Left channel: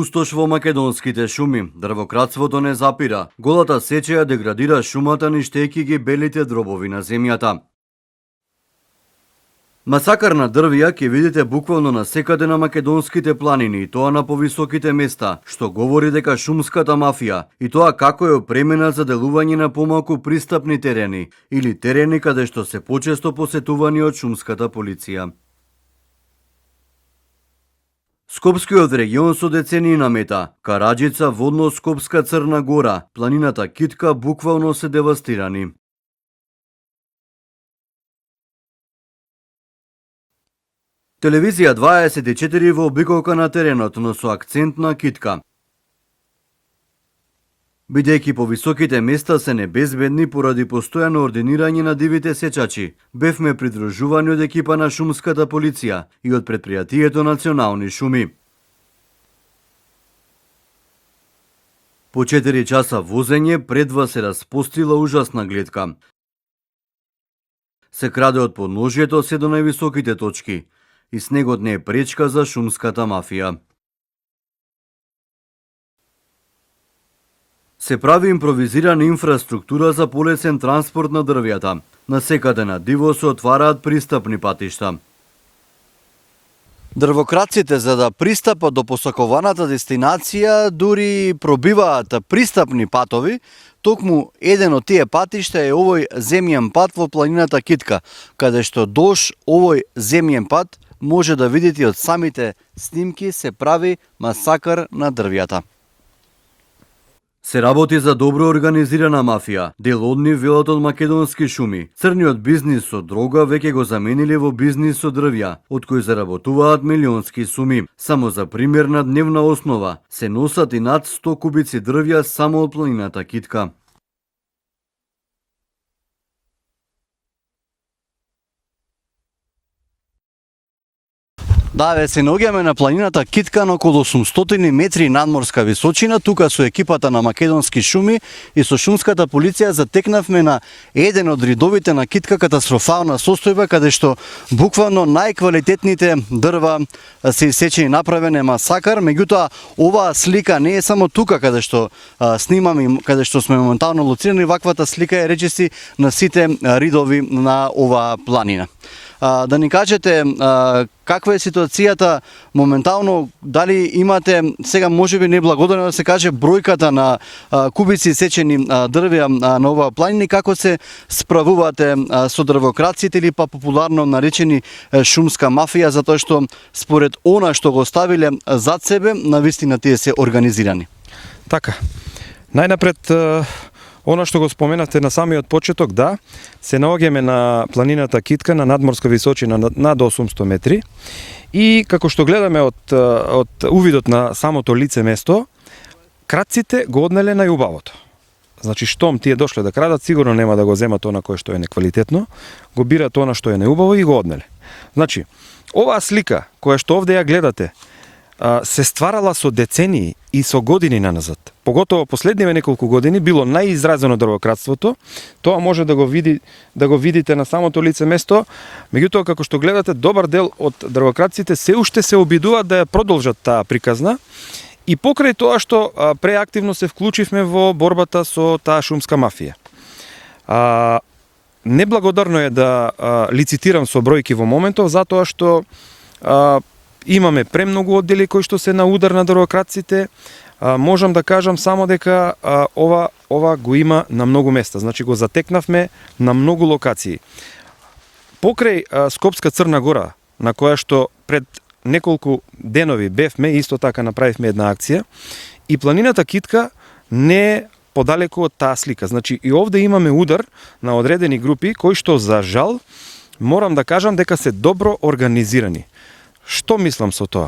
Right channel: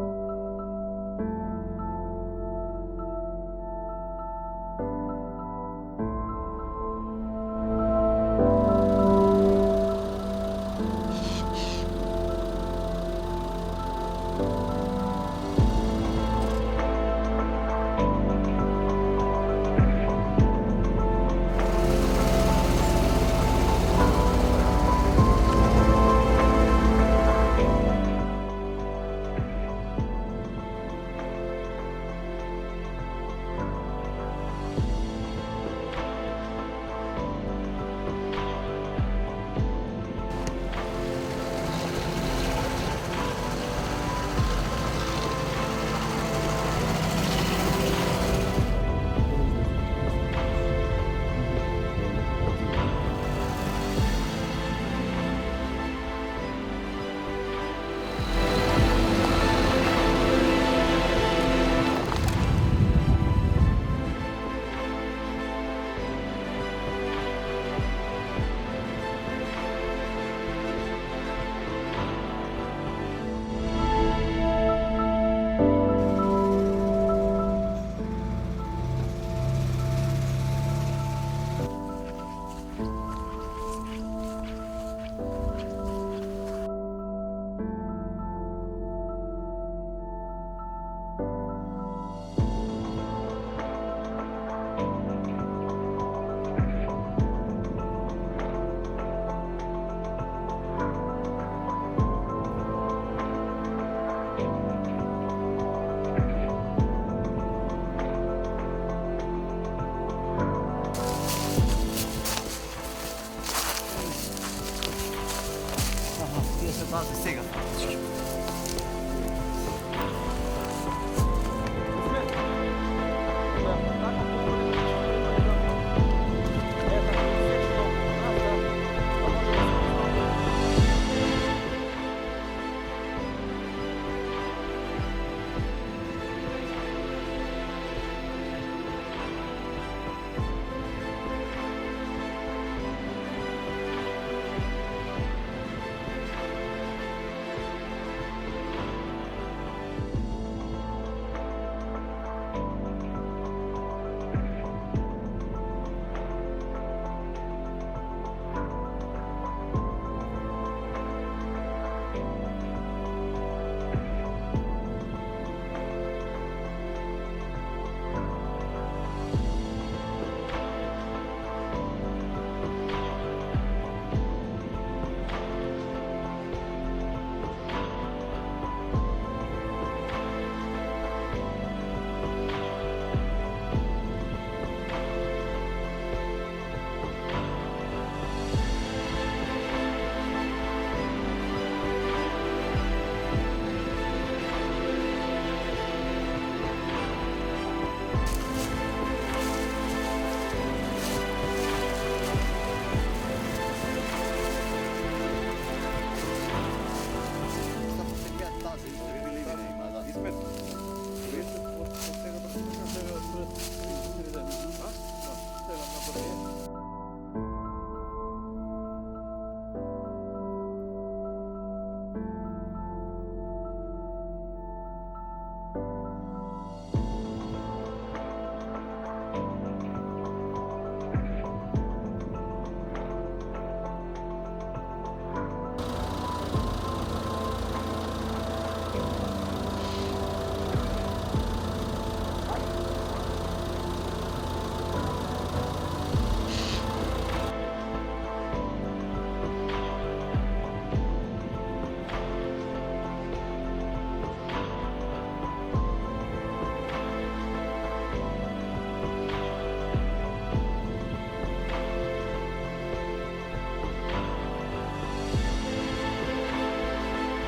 пустош во македонските шуми. Дрвократството не запира. Голата сеча ја деградира шумата, ништејќи ги белите дробови на земјата. Масакар на дрвја ќе видите буквално на секаде на македонските планини, и тоа на повисоките места, што говори дека шумската мафија, и тоа како е опремена за делување на помалку пристапни терени или терени каде што се почесто посетувани од шумската полиција. Скопскиот регион со децении намета, Караџица, Водно-Скопска, Црна Гора, планината Китка буквално се девастирани. Телевизија 24 во обиколка на теренот, но со акцент на Китка. Бидејќи по високите места се небезбедни поради постојано ординирање на дивите сечачи, бевме придружувани од екипа на шумската полиција и од предпријатието Национални шуми. По 4 часа возење пред вас се распостила ужасна гледка. Се краде од подножјето се до највисоките точки и снегот не е пречка за шумската мафија. Се прави импровизирана инфраструктура за полесен транспорт на дрвјата. Насекаде на диво се отвараат пристапни патишта. Дрвокраците, за да пристапат до посакуваната дестинација, дури пробиваат пристапни патови. Токму еден од тие патишта е овој земјен пат во планината Китка, каде што дош овој земјен пат може да видите од самите снимки се прави масакар на дрвјата. Се работи за добро организирана мафија. Дел од нив велат од македонски шуми. Црниот бизнис со дрога веќе го замениле во бизнис со дрвја, од кој заработуваат милионски суми. Само за пример, на дневна основа се носат и над 100 кубици дрвја само од планината Китка. Да, се наоѓаме на планината Китка на околу 800 метри надморска височина. Тука со екипата на Македонски шуми и со шумската полиција затекнавме на еден од ридовите на Китка, катастрофална состојба, каде што буквално најквалитетните дрва се исечени, направен е масакар. Меѓутоа, оваа слика не е само тука каде што снимаме, каде што сме моментално лоцирани, ваквата слика е речиси на сите ридови на оваа планина. Да ни кажете каква е ситуацијата моментално, дали имате сега можеби неблагодарно да се каже бројката на кубици сечени дрвја на оваа планина и како се справувате со дрвокраците или па популарно наречени шумска мафија, затоа што според она што го ставиле зад себе, навистина тие се организирани. Така. Најнапред она што го споменавте на самиот почеток, да, се наоѓаме на планината Китка на надморска височина над 800 метри и како што гледаме од увидот на самото лице место, крадците го однеле најубавото. Значи, штом тие дошле да крадат, сигурно нема да го земат она кое што е неквалитетно, го бират она што е неубаво и го однеле. Значи, оваа слика која што овде ја гледате, се стварала со децении и со години наназад. Поготово последниве неколку години било најизразено дрвократството. Тоа може да го видите на самото лице место. Меѓутоа, како што гледате, добар дел од дрвократците се уште се обидуваат да ја продолжат таа приказна. И покрај тоа што преактивно се вклучивме во борбата со таа шумска мафија. Неблагодарно е да лицитирам со бројки во моментов, затоа што имаме премногу оддели кои што се на удар на дрвократците. Можам да кажам само дека ова го има на многу места. Значи го затекнавме на многу локации. Покрај Скопска Црна Гора, на која што пред неколку денови бевме, исто така направивме една акција, и планината Китка не е подалеку од таа слика. Значи и овде имаме удар на одредени групи кои што за жал морам да кажам дека се добро организирани. Што мислам со тоа?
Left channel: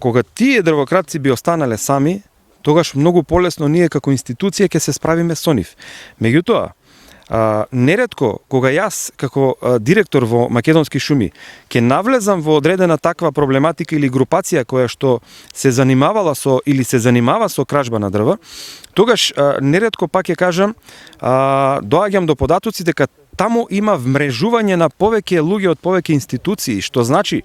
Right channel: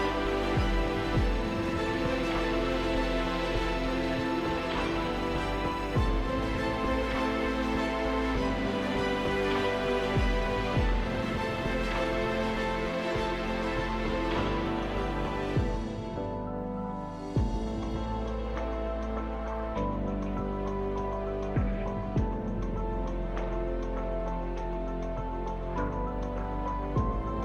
Кога тие дрвократци би останале сами, тогаш многу полесно ние како институција ќе се справиме со нив. Меѓутоа, неретко кога јас како директор во Македонски шуми ќе навлезам во одредена таква проблематика или групација која што се занимавала со или се занимава со кражба на дрва, тогаш неретко пак ќе кажам, доаѓам до податоци дека таму има вмрежување на повеќе луѓе од повеќе институции, што значи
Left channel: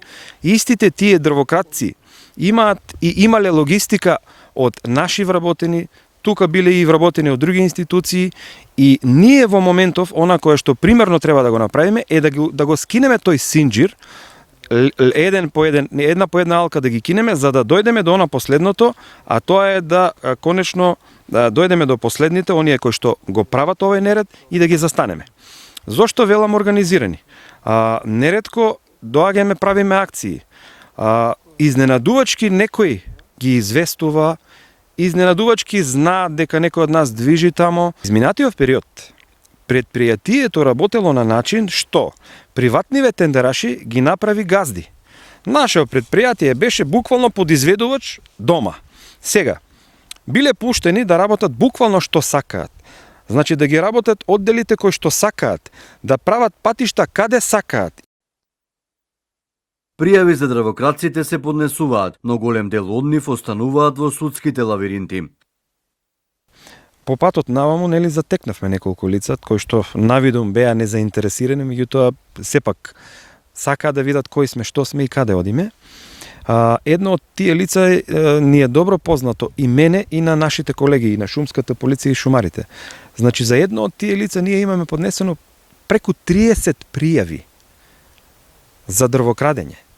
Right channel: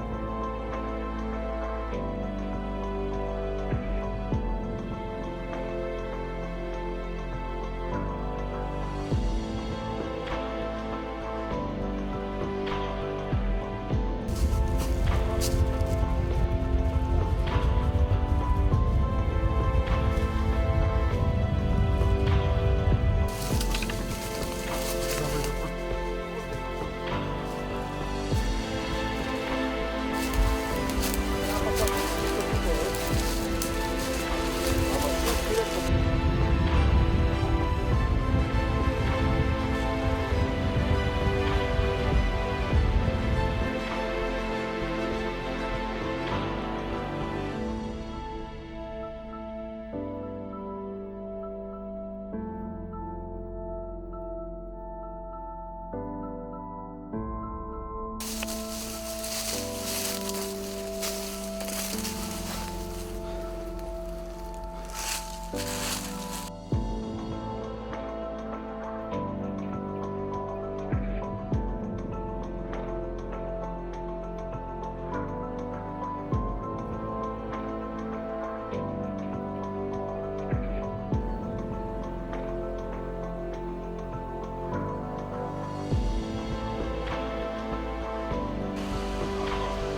истите тие дрвократци имаат и имале логистика од наши вработени, тука биле и вработени од други институции, и ние во моментов, она кое што примерно треба да го направиме е да го скинеме тој синџир, една по една алка да ги кинеме, за да дојдеме до она последното, а тоа е да конечно да дојдеме до последните, оние кои што го прават овој неред и да ги застанеме. Зошто велам организирани? Нередко доаѓаме, правиме акции. Изненадувачки некој ги известува, изненадувачки зна дека некој од нас движи тамо. Изминатиот период предпријатието работело на начин што приватниве тендераши ги направи газди. Нашето предпријатие беше буквално подизведувач дома. Сега, биле пуштени да работат буквално што сакаат. Значи да ги работат одделите кои што сакаат, да прават патишта каде сакаат. Пријави за дрвократците се поднесуваат, но голем дел од нив остануваат во судските лавиринти. По патот наваму, нели, затекнавме неколку лица кои што навидум беа незаинтересирани, меѓутоа сепак сакаат да видат кои сме, што сме и каде одиме. Едно од тие лица ни е добро познато и мене и на нашите колеги и на шумската полиција и шумарите. Значи за едно од тие лица ние имаме поднесено преку 30 пријави за дрвокрадење.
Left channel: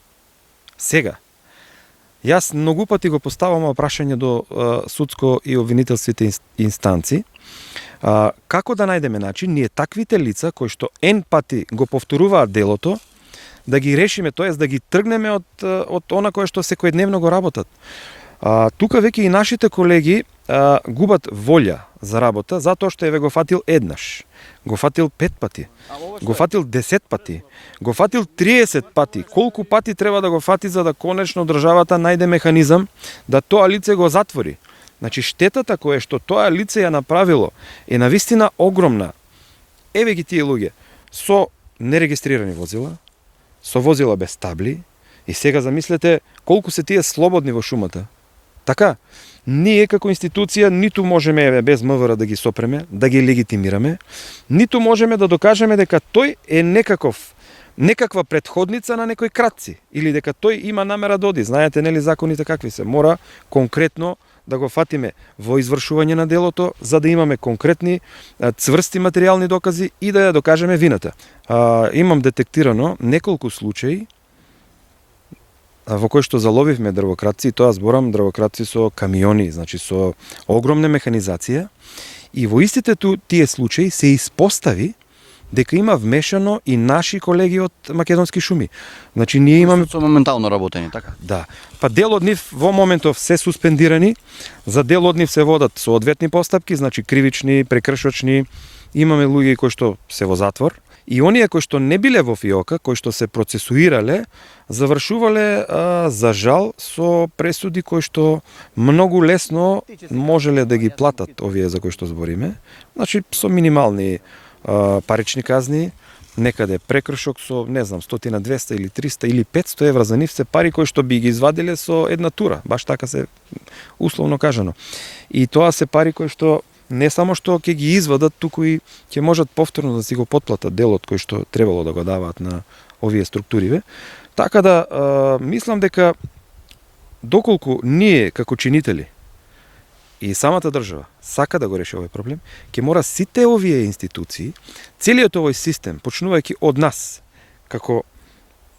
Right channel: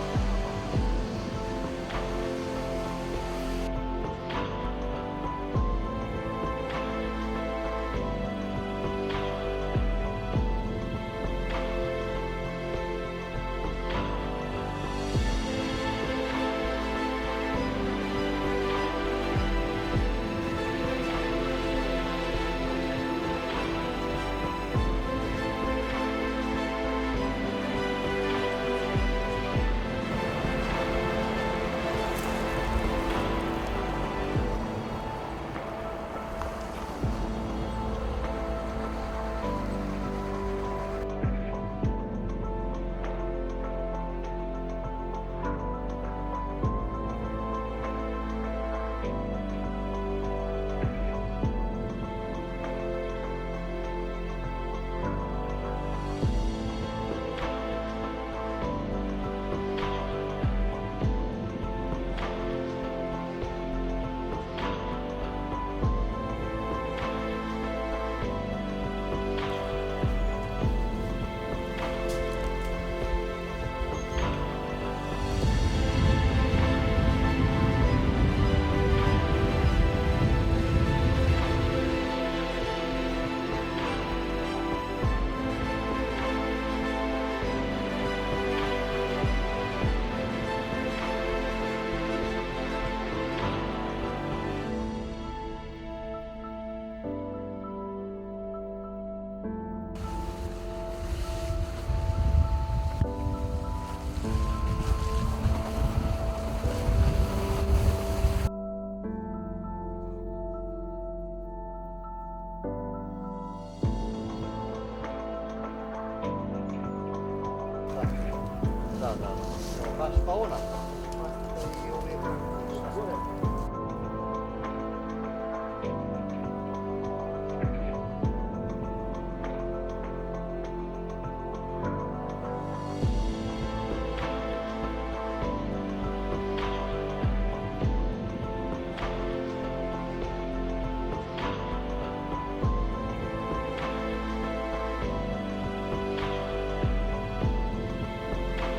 Сега, јас многу пати го поставам прашање до судско и обвинителствите инстанци, како да најдеме начин ние таквите лица кои што ен пати го повторуваат делото, да ги решиме, тоест да ги тргнеме од она кое што секојдневно го работат. Тука веќе и нашите колеги губат волја за работа, затоа што еве го фатил еднаш, го фатил 5 пати, го фатил 10 пати, го фатил 30 пати. Колку пати треба да го фати за да конечно државата најде механизам да тоа лице го затвори? Значи штетата која што тоа лице ја направило е навистина огромна. Еве ги тие луѓе со нерегистрирани возила, со возила без табли, и сега замислете колку се тие слободни во шумата. Така, ние како институција ниту можеме еве без МВР да ги сопреме, да ги легитимираме, ниту можеме да докажеме дека тој е некаква претходница на некој кратци или дека тој има намера да оди. Знаете нели законите какви се? Мора конкретно да го фатиме во извршување на делото, за да имаме конкретни цврсти материјални докази и да ја докажеме вината. Имам детектирано неколку случаи во кои што заловивме дрвократци, тоа зборам дрвократци со камиони, значи со огромна механизација, и во истите тие случаи се испостави дека има вмешано и наши колеги од Македонски шуми. Значи ние имаме со моментално работење, така? Да. Па дел од нив во моментов се суспендирани, за дел од нив се водат соодветни постапки, значи кривични, прекршочни. Имаме луѓе кои што се во затвор, и оние кои што не биле во ФИОКа, кои што се процесуирале, завршувале за жал со пресуди кои што многу лесно можеле да ги платат овие за кои што збориме. Значи со минимални парични казни, некаде прекршок со, не знам, 100, 200 или 300 или 500 евра за нив се пари кои што би ги извадиле со една тура, баш така се условно кажано. И тоа се пари кои што не само што ќе ги извадат, туку и ќе можат повторно да си го потплатат делот кој што требало да го даваат на овие структуриве. Така да мислам дека доколку ние како чинители и самата држава сака да го реши овој проблем, ќе мора сите овие институции, целиот овој систем, почнувајќи од нас, како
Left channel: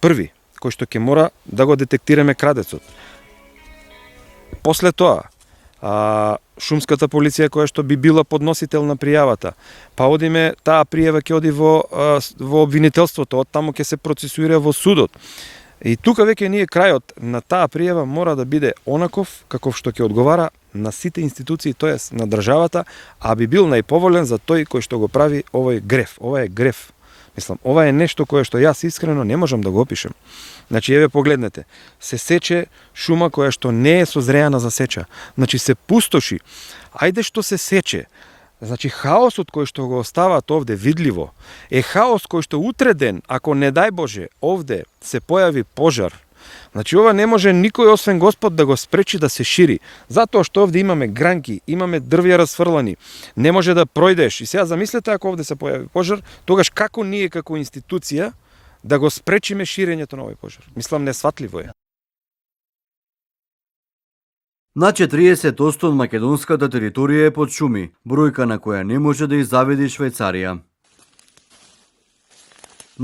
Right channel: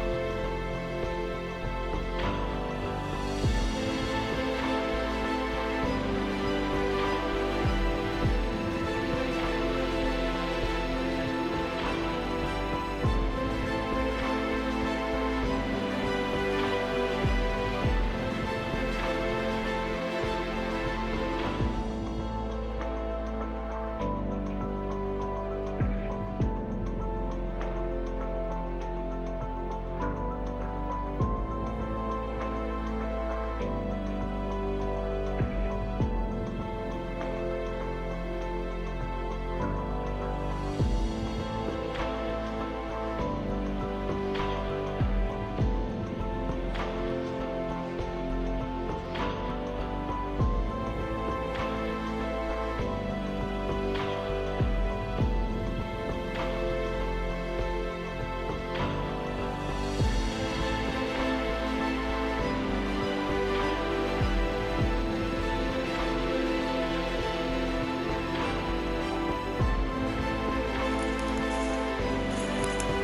први, кој што ќе мора да го детектираме крадецот. После тоа, шумската полиција која што би била подносител на пријавата, па одиме, таа пријава ќе оди во обвинителството, од таму ќе се процесуира во судот. И тука веќе ние крајот на таа пријава мора да биде онаков каков што ќе одговара на сите институции, тоест на државата, а би бил најповолен за тој кој што го прави овој греф. Ова е греф. Мислам, ова е нешто кое што јас искрено не можам да го опишам. Значи, еве погледнете, се сече шума која што не е созреана за сеча. Значи, се пустоши. Ајде што се сече, Значи хаосот кој што го остават овде видливо е хаос кој што утре ден, ако не дај Боже, овде се појави пожар, значи ова не може никој освен Господ да го спречи да се шири, затоа што овде имаме гранки, имаме дрвја расфрлани, не може да пројдеш. И сега замислете ако овде се појави пожар, тогаш како ние како институција да го спречиме ширењето на овој пожар? Мислам несватливо е. На 40% од македонската територија е под шуми, бројка на која не може да изаведи Швајцарија.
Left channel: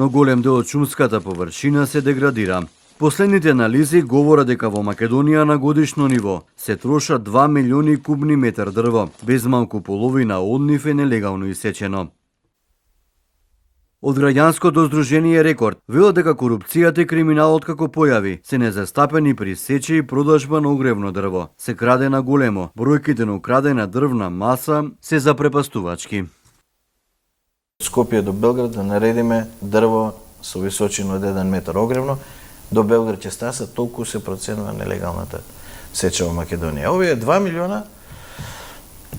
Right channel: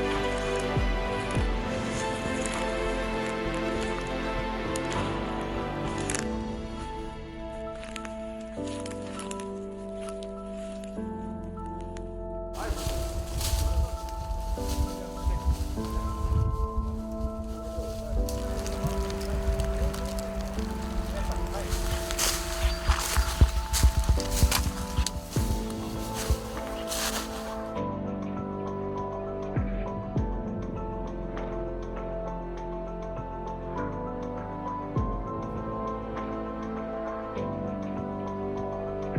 Но голем дел од шумската површина се деградира. Последните анализи говорат дека во Македонија на годишно ниво се трошат 2 милиони кубни метар дрво, без малку половина од нив е нелегално исечено. Од граѓанското здружение Рекорд велат дека корупцијата и криминалот како појави се незастапени при сече и продажба на огревно дрво. Се краде на големо, бројките на украдена дрвна маса се запрепастувачки. Скопје до Белград да наредиме дрво со височина од 1 метар огревно, до Белград ќе стаса толку се проценува нелегалната сеча во Македонија. Овие 2 милиона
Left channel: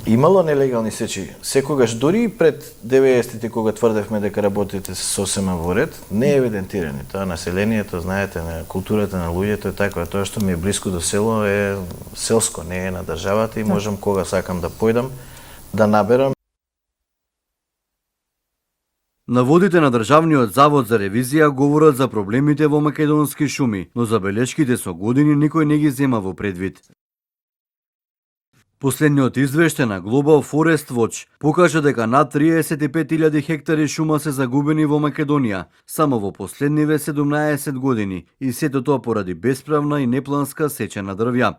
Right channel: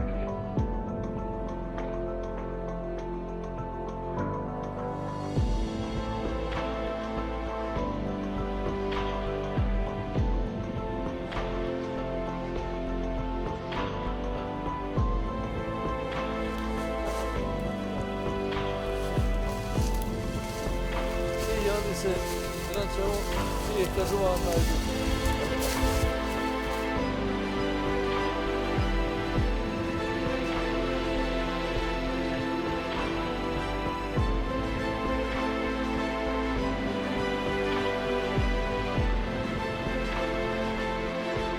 имало нелегални сечи. Секогаш, дури и пред 90-тите, кога тврдевме дека работите се сосема во ред, не е евидентирано. Тоа населението, знаете, на културата на луѓето е таква. Тоа што ми е близко до село е селско, не е на државата и можам кога сакам да појдам, да наберам. Наводите на Државниот завод за ревизија говорат за проблемите во македонски шуми, но забелешките со години никој не ги зема во предвид. Последниот извештај на Global Forest Watch покажа дека над 35.000 хектари шума се загубени во Македонија само во последниве 17 години и сето тоа поради бесправна и непланска сеча на дрвја.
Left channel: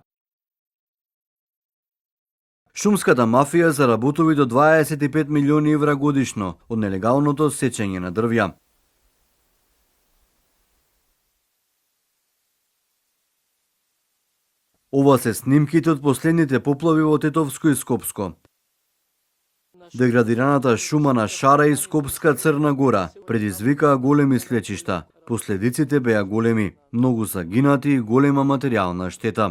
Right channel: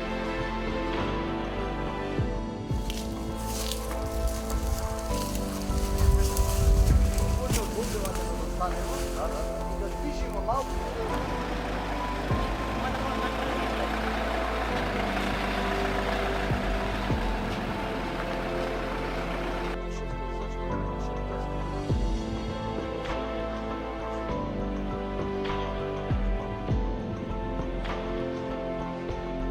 Шумската мафија заработува до 25 милиони евра годишно од нелегалното сечење на дрвја. Ова се снимките од последните поплави во Тетовско и Скопско. Деградираната шума на Шара и Скопска Црна Гора предизвикаа големи свлечишта. Последиците беа големи, многу загинати и голема материјална штета.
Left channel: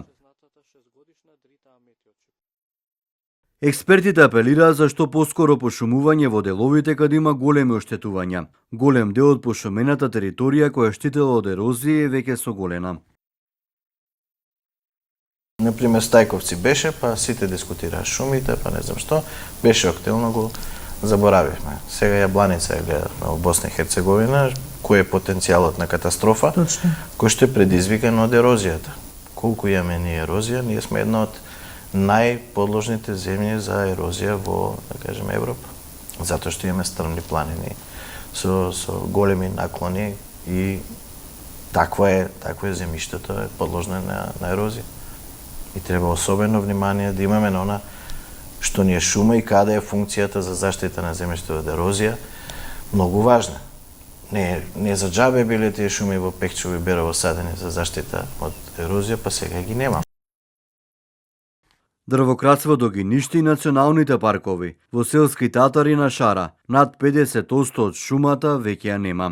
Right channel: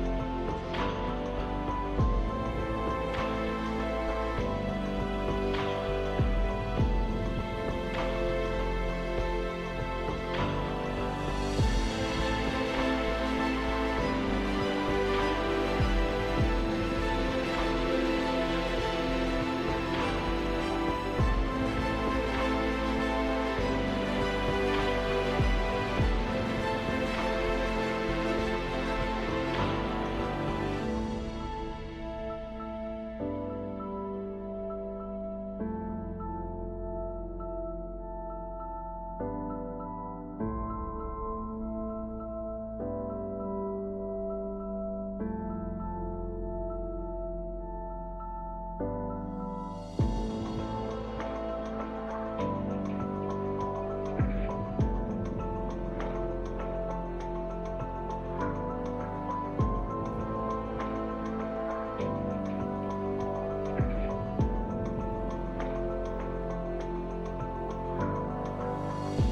Експертите апелираат за што поскоро пошумување во деловите каде има големи оштетувања. Голем дел од пошумената територија која штитела од ерозија е веќе соголема. Например, Стајковци беше, па сите дискутираа шумите, па не знам што, беше активно, го заборавивме. Сега Јабланица е во Босна и Херцеговина, кој е потенцијалот на катастрофа, кој што е предизвикан од ерозијата. Колку имаме ние ерозија, ние сме една од најподложните земји за ерозија во, да кажеме, Европа. Затоа што имаме стрмни планини со големи наклони и такво е земјиштето, е подложно на ерозија. И треба особено внимание да имаме на она што ни е шума и каде е функцијата за заштита на земјиште од ерозија, многу важна. Не за џабе биле тие шуми во Пекчево и Берово садени за заштита од ерозија, па сега ги нема. Дрвократството ги ништи и националните паркови. Во селски Татари на Шара, над 50% од шумата веќе ја нема.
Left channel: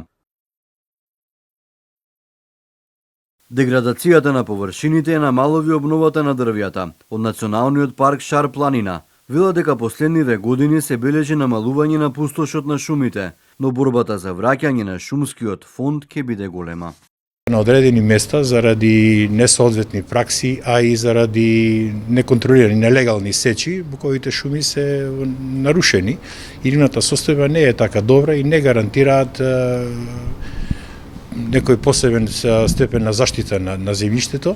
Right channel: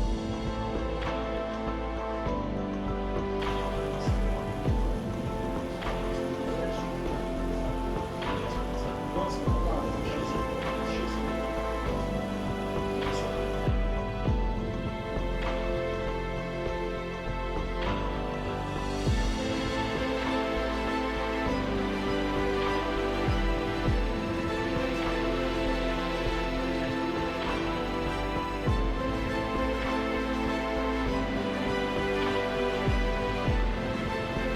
Деградацијата на површините е намалови обновата на дрвјата. Од Националниот парк Шар планина велат дека последниве години се бележи намалување на пустошот на шумите, но борбата за враќање на шумскиот фонд ќе биде голема. На одредени места заради несоодветни пракси, а и заради неконтролирани нелегални сечи, буковите шуми се нарушени. Ирината состојба не е така добра и не гарантираат некој посебен степен на заштита на земјиштето,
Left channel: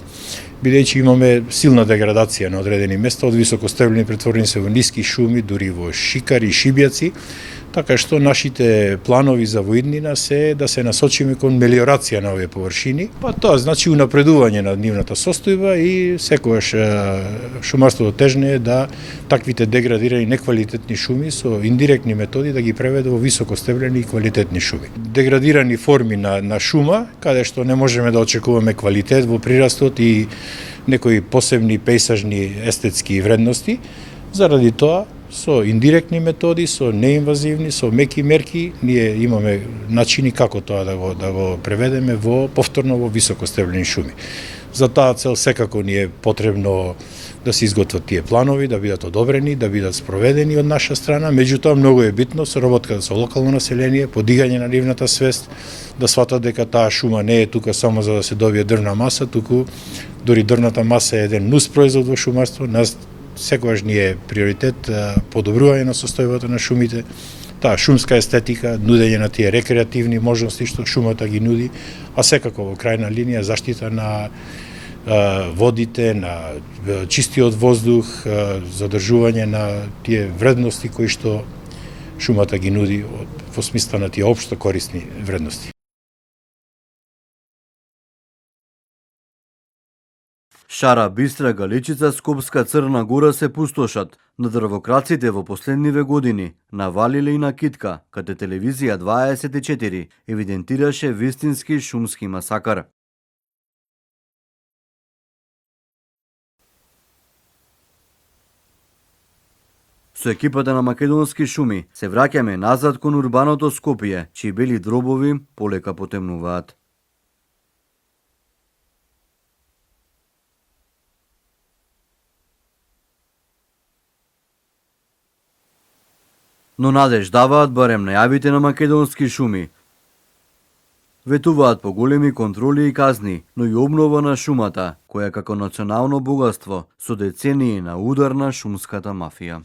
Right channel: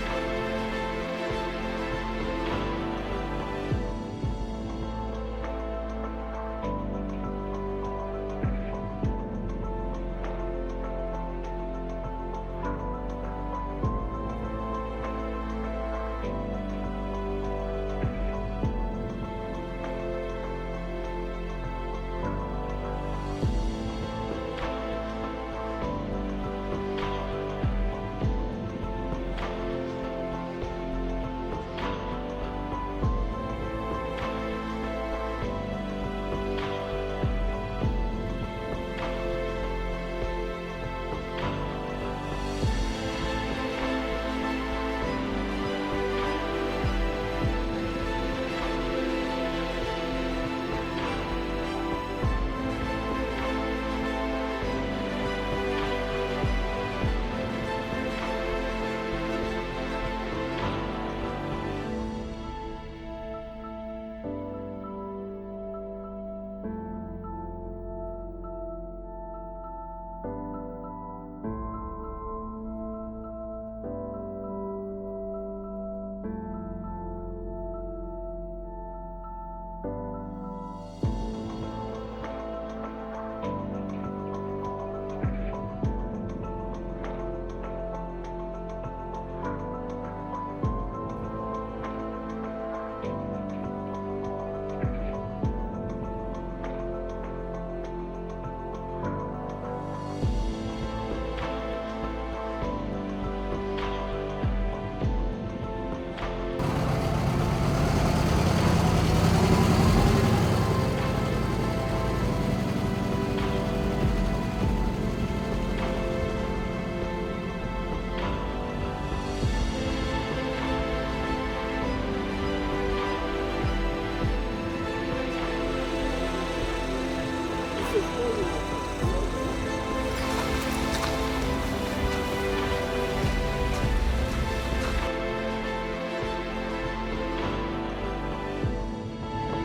бидејќи имаме силна деградација на одредени места, од високостебени претворени се во ниски шуми, дури во шикари и шибјаци, така што нашите планови за воиднина се да се насочиме кон мелиорација на овие површини, па тоа значи унапредување на нивната состојба и секогаш шумарството тежне е да таквите деградирани неквалитетни шуми со индиректни методи да ги преведе во високостебени и квалитетни шуми. Деградирани форми на шума, каде што не можеме да очекуваме квалитет во прирастот и некои посебни пејсажни естетски вредности, заради тоа со индиректни методи, со неинвазивни, со меки мерки, ние имаме начини како тоа да го преведеме повторно во високостебени шуми. За таа цел секако ни е потребно да се изготват тие планови, да бидат одобрени, да бидат спроведени од наша страна. Меѓутоа, многу е битно соработката со локално население, подигање на нивната свест, да сватат дека таа шума не е тука само за да се добие дрвна маса, туку дори дрвната маса е еден нус производ во шумарство. Нас секогаш ни е приоритет подобрување на состојбата на шумите, таа шумска естетика, нудење на тие рекреативни можности што шумата ги нуди, а секако во крајна линија заштита на водите, на чистиот воздух, задржување на тие вредности кои што шумата ги нуди во смисла на тие општо корисни вредности. Шара, Бистра, Галичица, Скопска, Црна Гора се пустошат. На дрвокраците во последниве години навалиле и на Китка, каде телевизија 24 евидентираше вистински шумски масакар. Со екипата на Македонски шуми се враќаме назад кон урбаното Скопје, чии бели дробови полека потемнуваат. Но надеж даваат барем најавите на Македонски шуми. Ветуваат по големи контроли и казни, но и обнова на шумата, која како национално богатство со децении на удар на шумската мафија.